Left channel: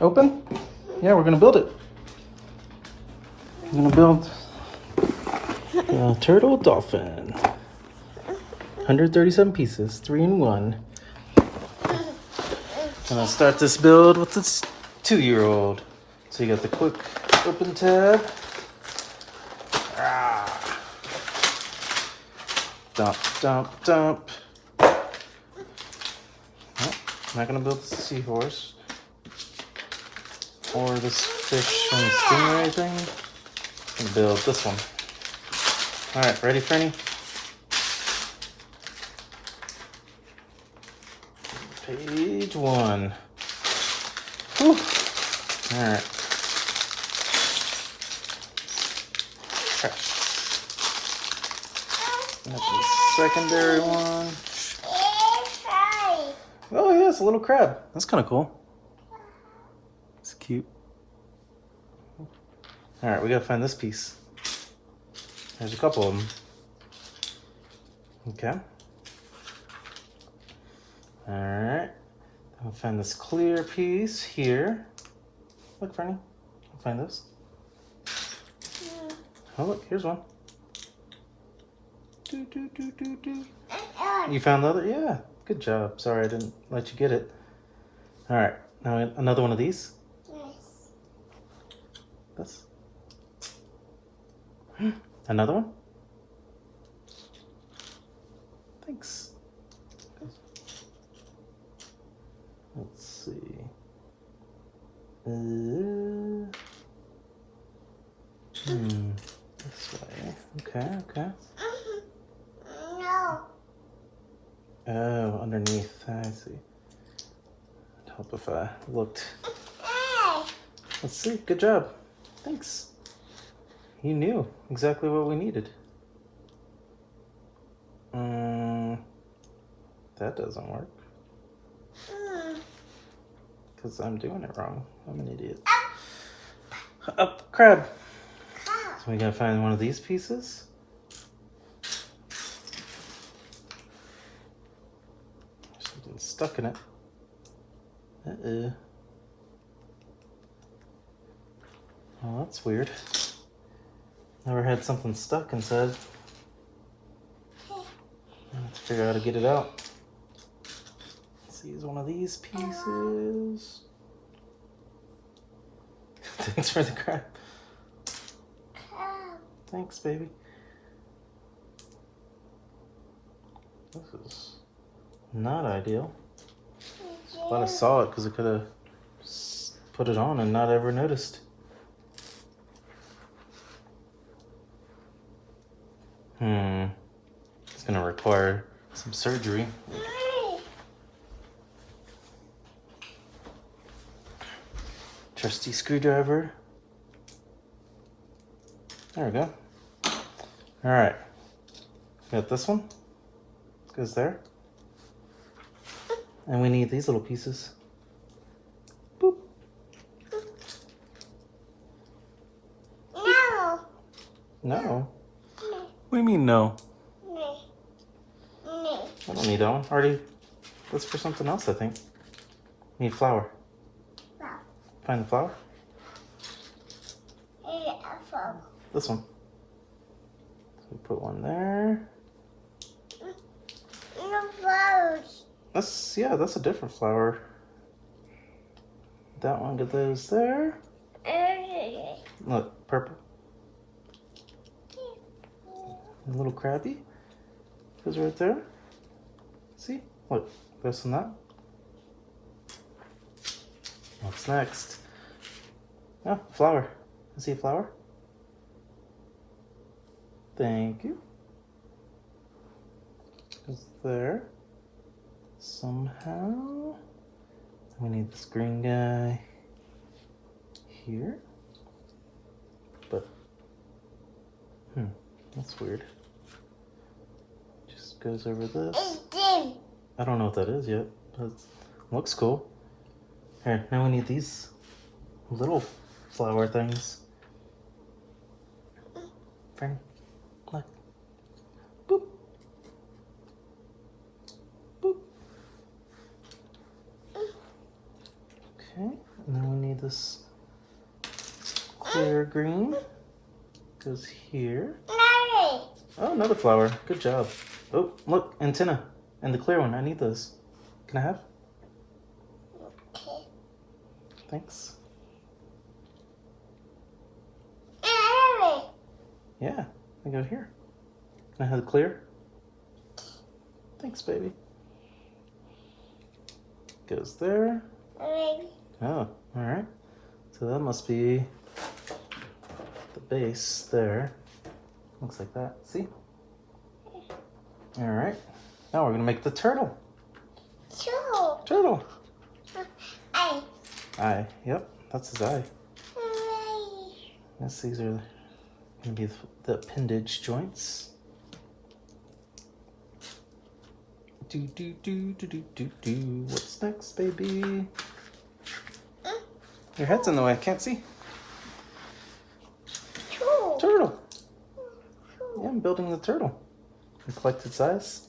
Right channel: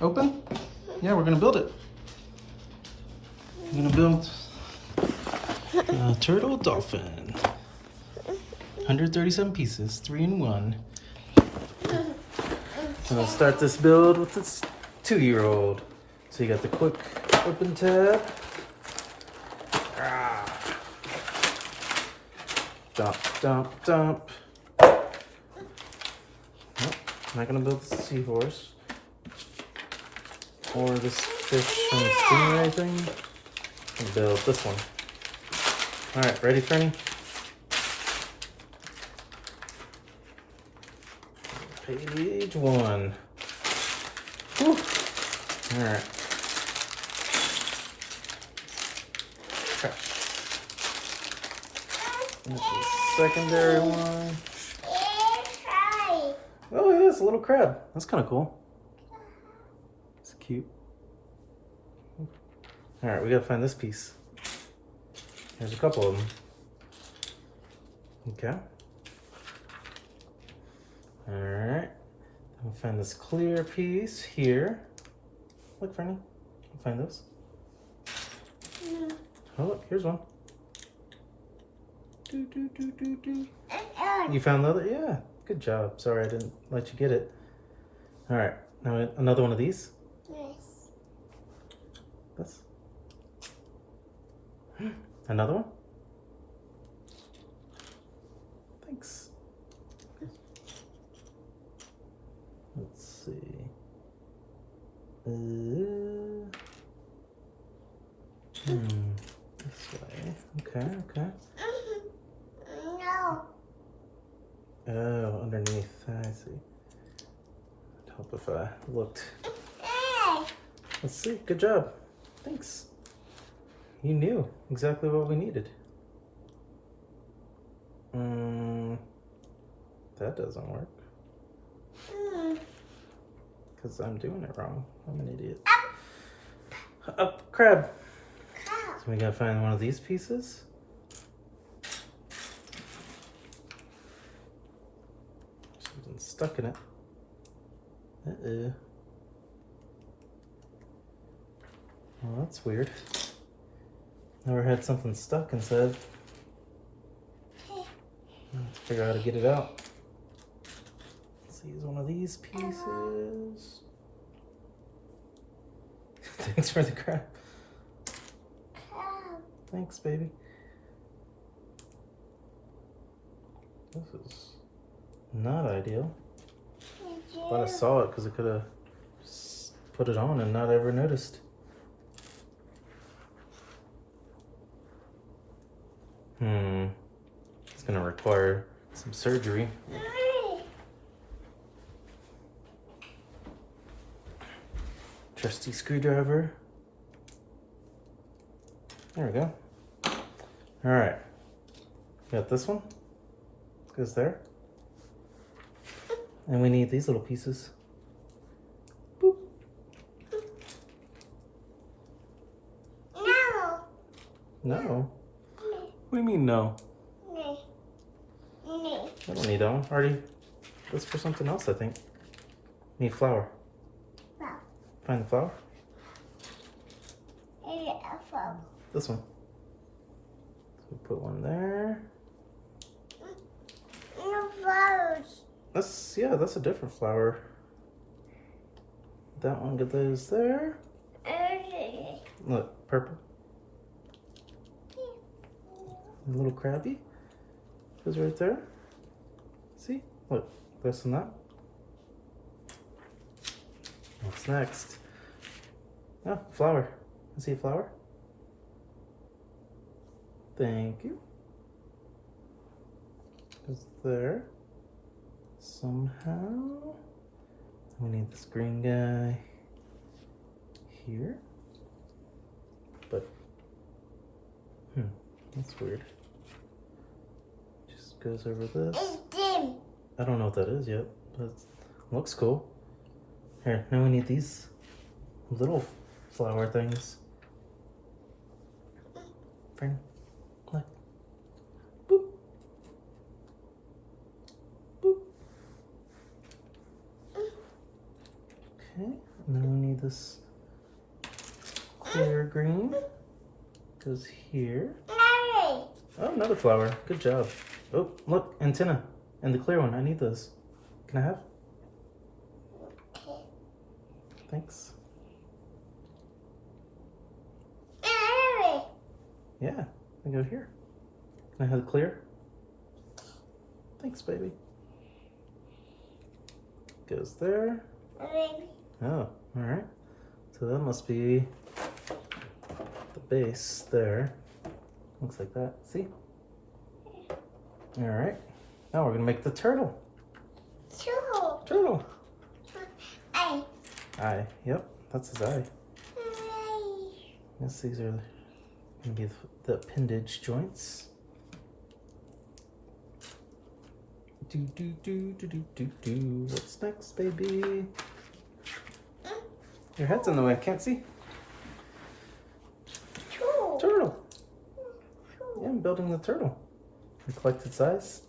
Open? Yeah, we're gonna build it. We're gonna build the Turtle Dolphin. 137 pieces, 3 in 1. I'm gonna start this build with this 2-year-old. So you got the quick open tab. Dump, dump, dump. Nope, I'm not gonna build the seahorse. Or this fish and stingray thing. I'm gonna build this one. Alright, ready, Fernie? Page 1. Whew. Alright. The secondary one. Oh yeah, it's a little crab. That's kind of cool. It's cute. Alright, we gotta find this piece. There's a couple of them. Okay. Alright. I'll find this clear piece here. Look, Fernie. I'll find this. Yeah. Oh, look, here's one. Do, do, do, do, do. You found the other? Yeah. Good job. Sorry I didn't let you get it. Alright. Now another one of these? Yes. This? Another one? Thanks. Let's see. This way. Okay, okay. No. Oh, underneath. I see. It'd help if I looked. Let's see. Good job. Thanks. You knew exactly what we needed. That doesn't work. Because I'm doing it wrong. I'm an idiot. Up, crab. So we gotta find one of these pieces. Something stuck in it. Oh, that's weird. Never had something stuck inside. Let's figure out how to get it out. Let's use one of these pieces. Thanks for the crab. Thanks, baby. This is not ideal. But I saw it because I could have put it on and not ever noticed. It's gonna require some surgery. Trusty screwdriver. There we go. All right. Got this one. Goes there. And we need these little pieces. Boop. No. No? What do you mean no? No. No. I don't need that one. Already. That's for something else, I think. Need flour. Flour. Find the flour. This one. So put one there. No flowers. That's a different flower. That one did those there. Look, purple. A little crabby. Goes right there. See? Look, this and that. What's next? Oh, flower. You see a flower? Thank you. Goes there. Somehow. We need this green guy here. But, that's weird. Just goes over this. I don't know what that is yet, but it looks cool. Alright, now we need these little flower things. Friend, look. Boop. Boop. Okay, and then we need this clear green goes here. Oh, another flower. Good job. Oh, look, antenna. And the clear one. I need those. Can I have? Okay. Thanks. Larry. Yeah, I go here. Can I have the clear? Thanks, baby. Goes there. Larry. Oh, alright. So that must be the base there. Looks like that. See? Alright. Now we're going to make the turtle. Turtle. Eye. Eye. Yep, that's his eye. Yes, these are going to be the appendage joints. Do. What's next, baby? Your head's in the way. Can't see. Turtle. Yeah, I'm building the turtle. You collect its eyes.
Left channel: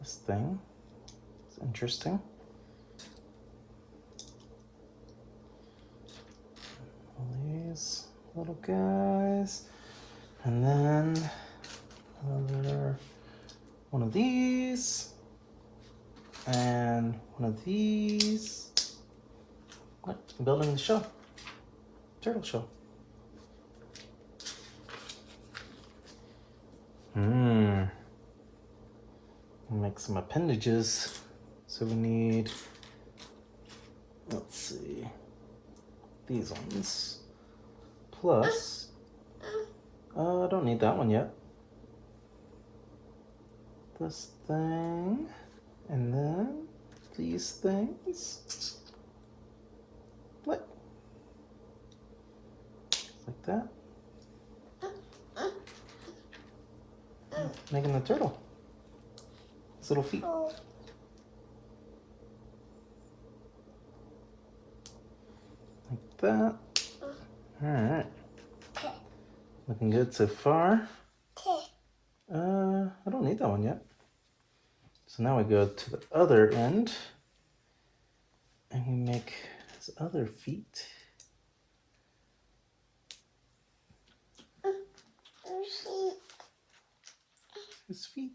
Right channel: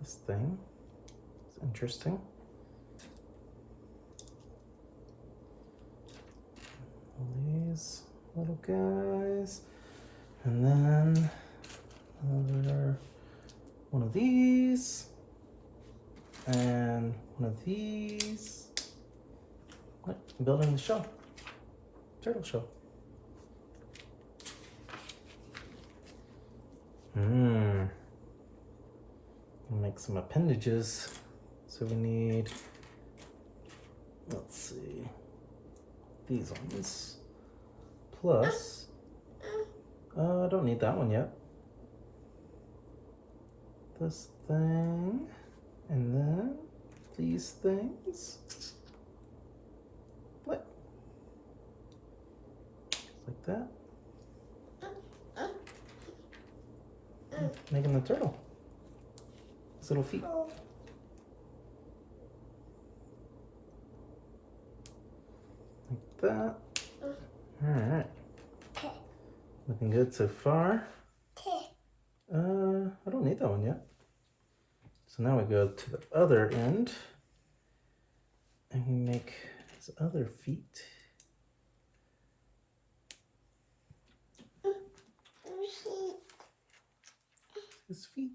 This thing is interesting. All these little guys. And then another one of these. And one of these. What? I'm building the shell. Turtle shell. Make some appendages. So we need, let's see, these ones. Plus, I don't need that one yet. This thing, and then these things. What? Like that. Making the turtle. His little feet. Like that. Alright. Looking good so far. I don't need that one yet. So now we go to the other end. And we make his other feet. His feet.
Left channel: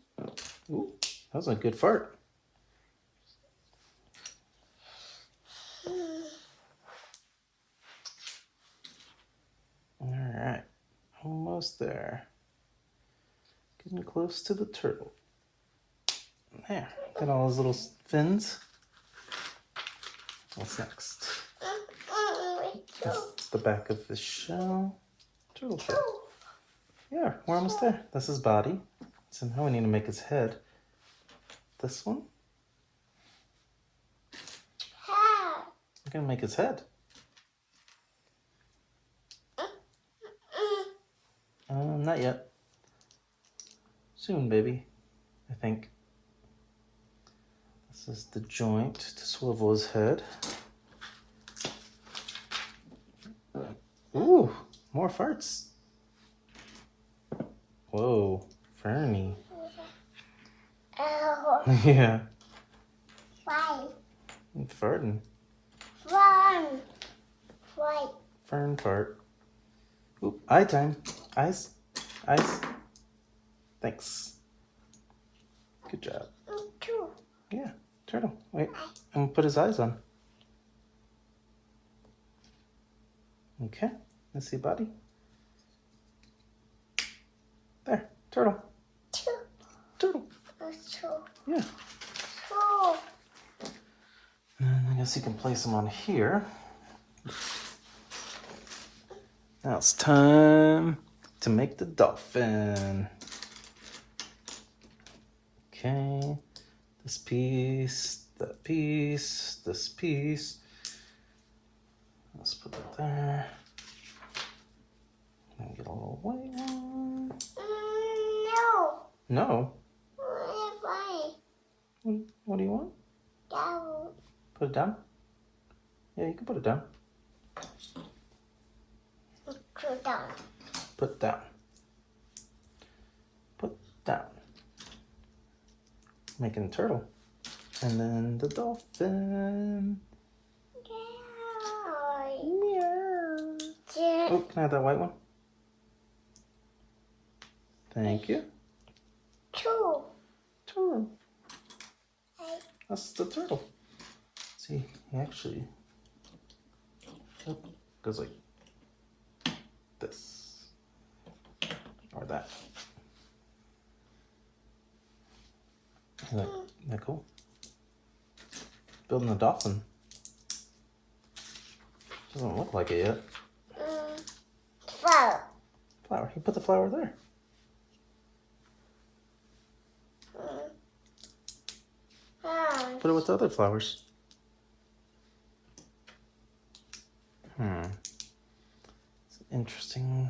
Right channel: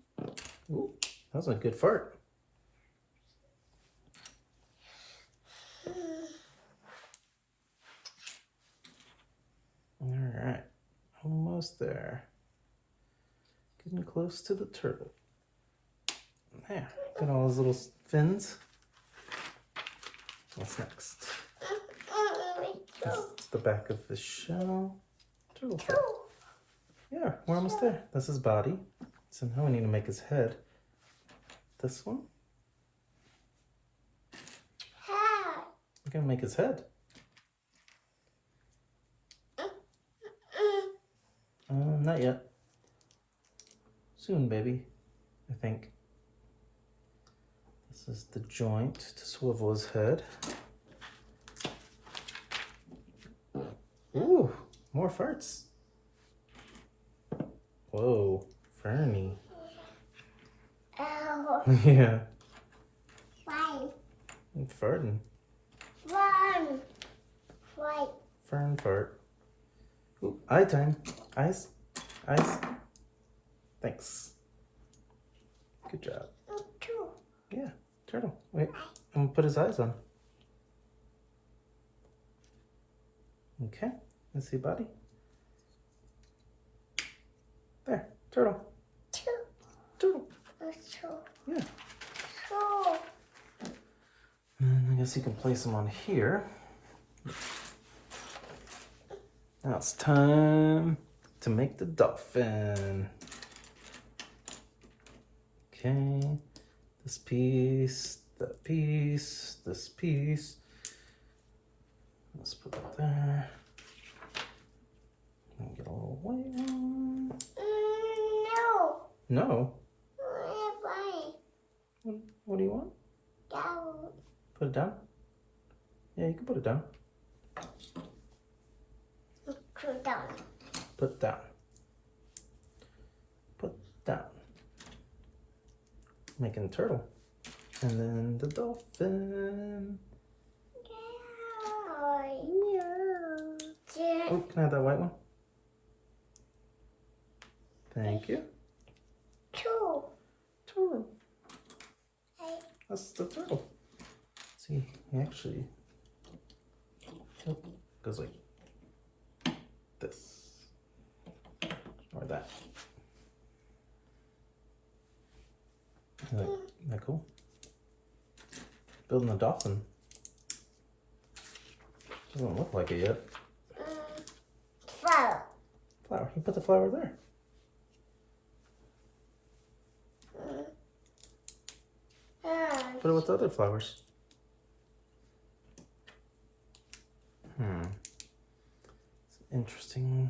Ooh, that was a good fart. Alright, almost there. Getting close to the turtle. There, got all those little fins. What's next? That's the back of the shell. Turtle shell. Yeah, we're almost there. That's his body. So now we need to make his head. This one. We're gonna make his head. Not yet. Soon, baby. I think. This is the joint to swivel his head. Ooh, more farts. Whoa, Fernie. Yeah. Why? Farting. Fun. Why? Fern fart. Ooh, eye time. Eyes. Eyes. Thanks. Good job. Two. Yeah, turtle. Wait, I'm gonna put his eyes on. Okay, let's see body. There, turtle. Two. Turtle. Two. Yeah. Two. And I guess you can place them on here. Now it's time to make the dolphin. Okay, this piece, that piece, this piece. Let's put that there. And get a little white one. No. No? Why? What do you want? Down. Put it down? Yeah, you can put it down. Put down. Put down. Put down. Making a turtle. And then the dolphin. Oh, can I have that white one? Thank you. Two. Turtle. That's the turtle. See, he actually goes like this or that. Isn't that cool? Building a dolphin. Doesn't look like it yet. Flower. Flower. He put the flower there. Put it with the other flowers. It's an interesting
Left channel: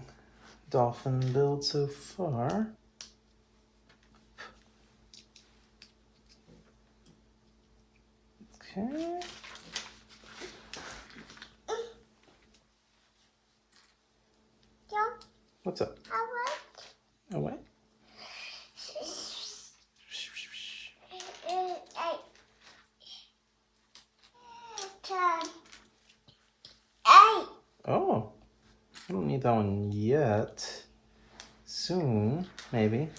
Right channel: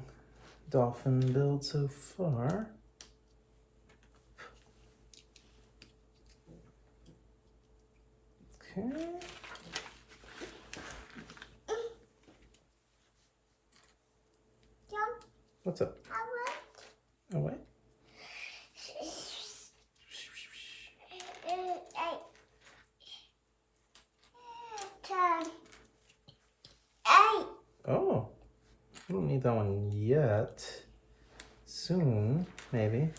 dolphin build so far. Okay. What's up? Oh, what? Oh, I don't need that one yet. Soon, maybe.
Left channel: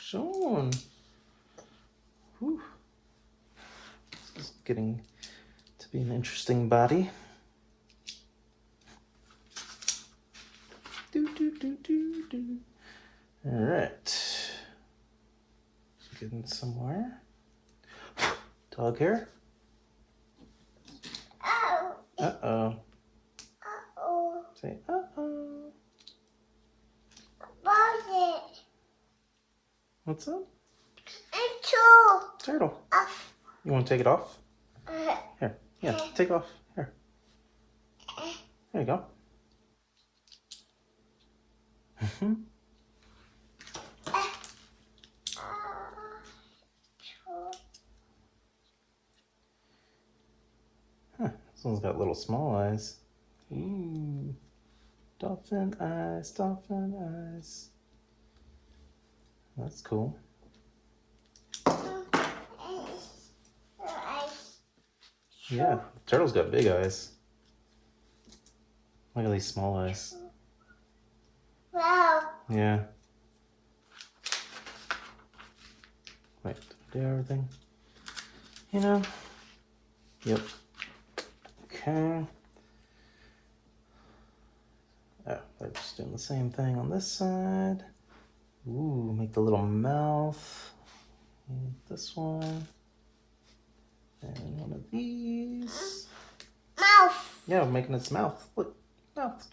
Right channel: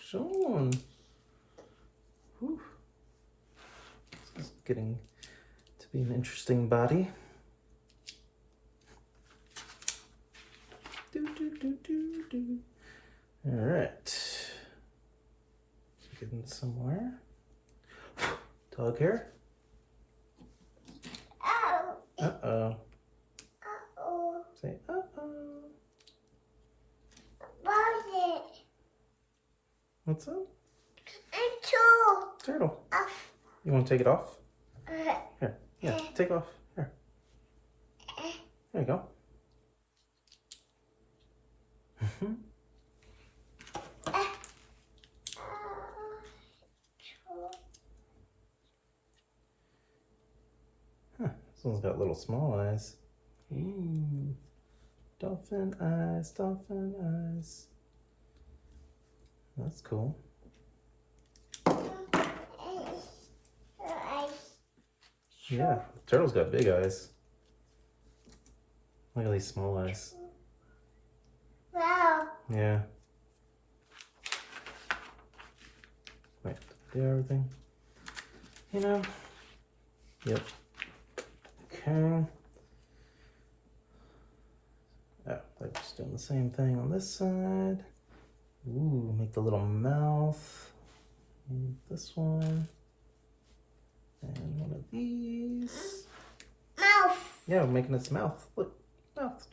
Soon. Whew. This is getting to be an interesting body. All right. Getting somewhere. Dog hair. Uh-oh. Say uh-oh. What's up? Turtle. You want to take it off? Here. Yeah, take it off. Here. There you go. This one's got little small eyes. Ooh. Dolphin eyes, dolphin eyes. That's cool. Yeah, turtle's got big eyes. Look at these small eyes. Wow. Yeah. Wait, did I do everything? You know? Yep. Okay. Oh, they're just doing the same thing on this side. Ooh, make the little mouth. And this one. And one of these. Mouth. Yeah, I'm making its mouth. Look, mouth.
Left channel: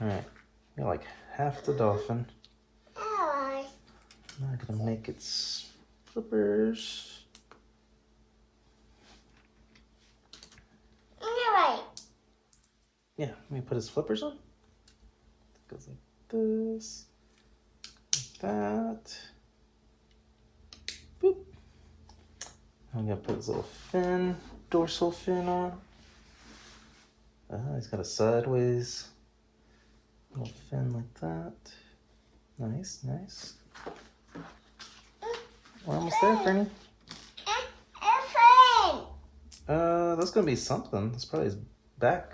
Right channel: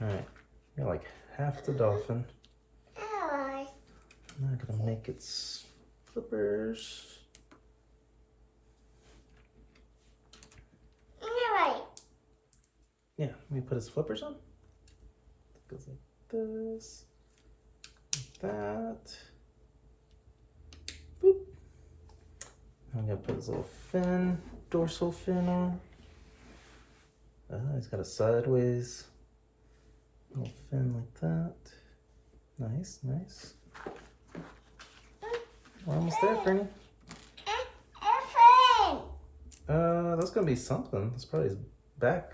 Alright, you're like half the dolphin. Now I'm gonna make its flippers. You're right. Yeah, let me put his flippers on. It goes like this, like that. Boop. I'm gonna put his little fin, dorsal fin on. He's got a sideways little fin like that. Nice, nice. Almost there, Fernie. That's gonna be something. That's probably his back.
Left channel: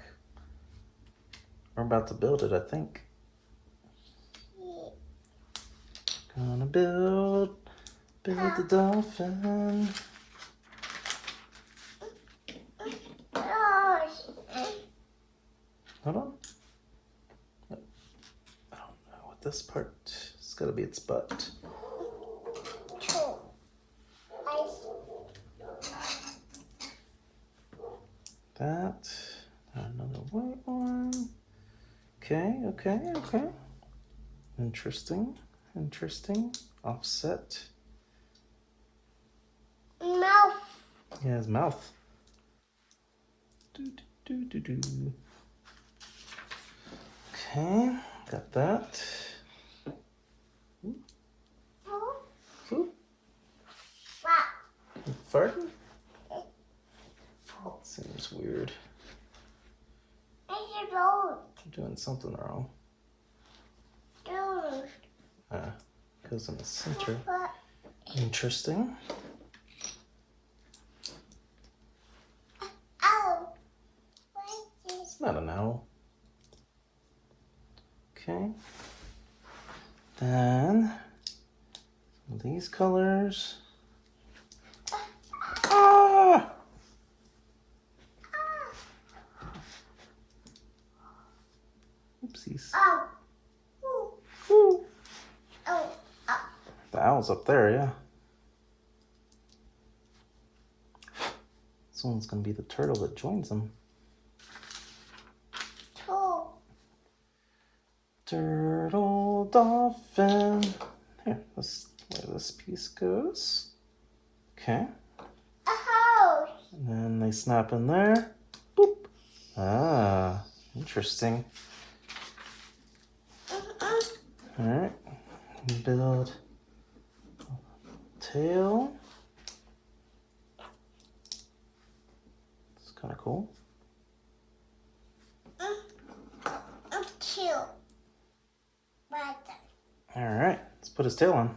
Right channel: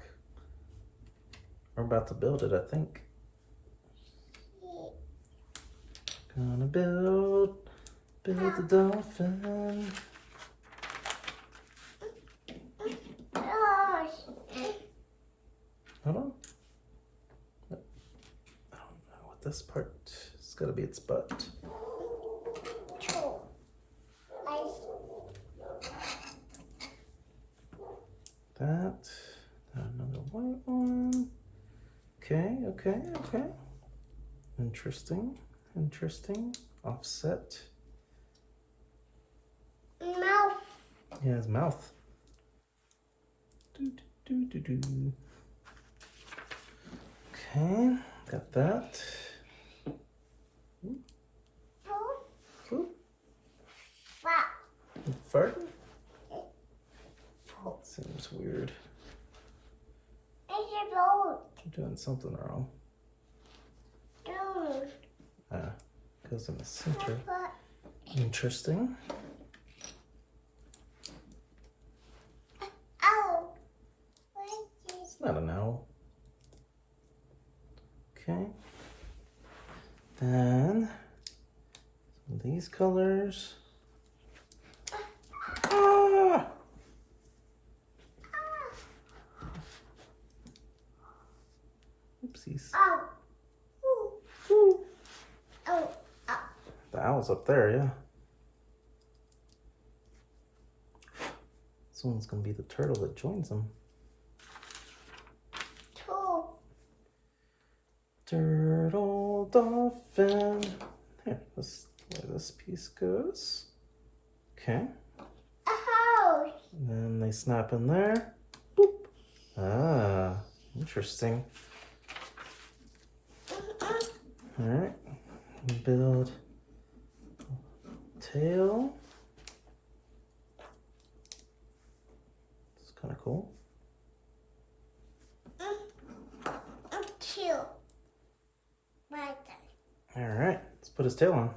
We're about to build it, I think. Gonna build the dolphin. Hold on. I don't know what this part. It's gotta be its butt. That. Another white one. Okay, okay, okay. Interesting, interesting. Offset. Mouth. Yeah, his mouth. Do, do, do, do, do. Okay, got that. Ooh. Farting? That seems weird. I'm doing something wrong. Goes in the center. Interesting. these colors. Ah! Oopsies. Oh. Ooh. Oh. Oh. The owl's up there, yeah. This one's gonna be the turtle that joins them. Two. Turtle Dolphin. Here, let's where this piece goes. Okay. A house. And then they snap in there. Boop. Ah, interesting. Alright. Build tail. It's kind of cool. Two. Right there. Alright, let's put his tail on.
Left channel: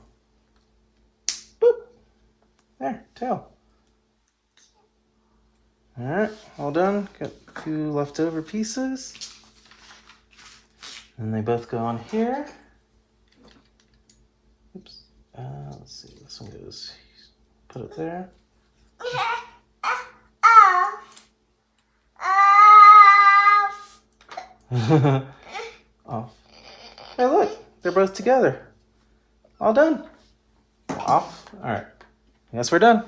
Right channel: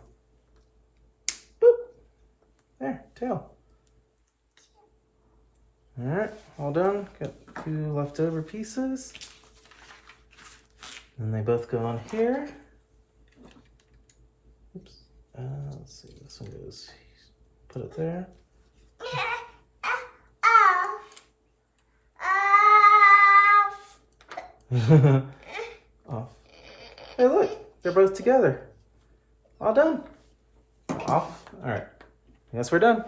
Boop. There, tail. Alright, all done. Got a few leftover pieces. And they both go on here. Oops. Let's see, this one goes, put it there. Off. Hey, look, they're both together. All done. Off. All right. Yes, we're done.